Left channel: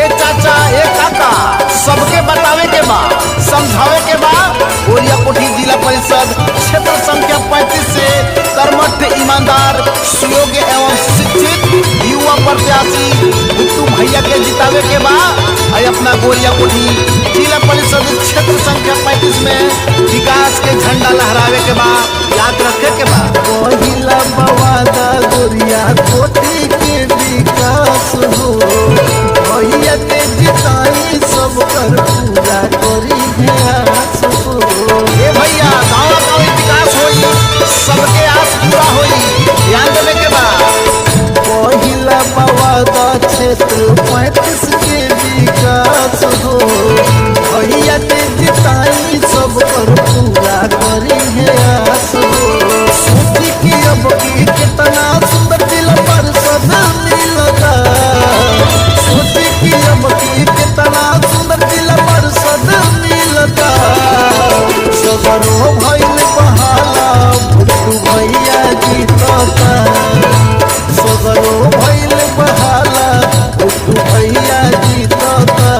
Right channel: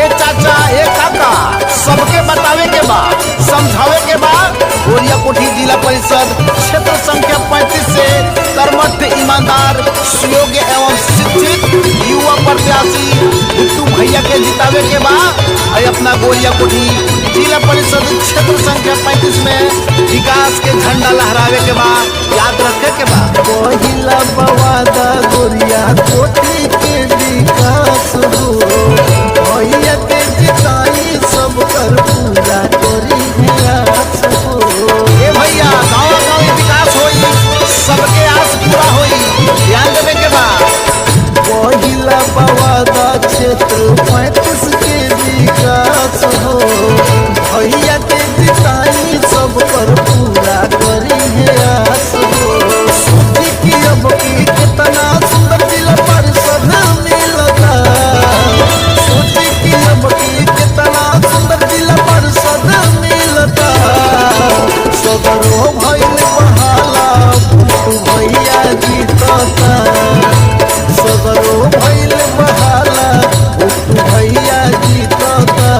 ए चाचा ए काका सबके बतावे के बा, समझावे के बा। गोरिया कोठी जिला परिषद क्षेत्र संख्या 35 से कर्मठ, ईमानदार, सुयोग्य एवं शिक्षित युवा प्रत्याशी भुट्टू भैया के जितावे के बा। अपना गोरिया कोठी जिला परिषद क्षेत्र संख्या 35 में विकास के झंडा लहरावे के बा, याद रखे के बा। पहिला बवादा गोरिया कोठी के विकास हो, भैया के जिताई सब कर पूरा करी है आस हो। ए भैया गाँव गाँव विकास होई, सबके आस पूरा होई, ध्यान देवे के बा। पहिला बवादा क्षेत्र 35 के विकास हो, भैया के जिताई सब कर पूरा करी है आस हो। सोची कि अब की कितना सुंदर जिला परिषद मिलता, सोची कि अब की कितना सुंदर जिला परिषद मिलता। सगरो भइल बहाला भुट्टू भैया जीतता, सगरो भइल बहाला भुट्टू भैया जीतता।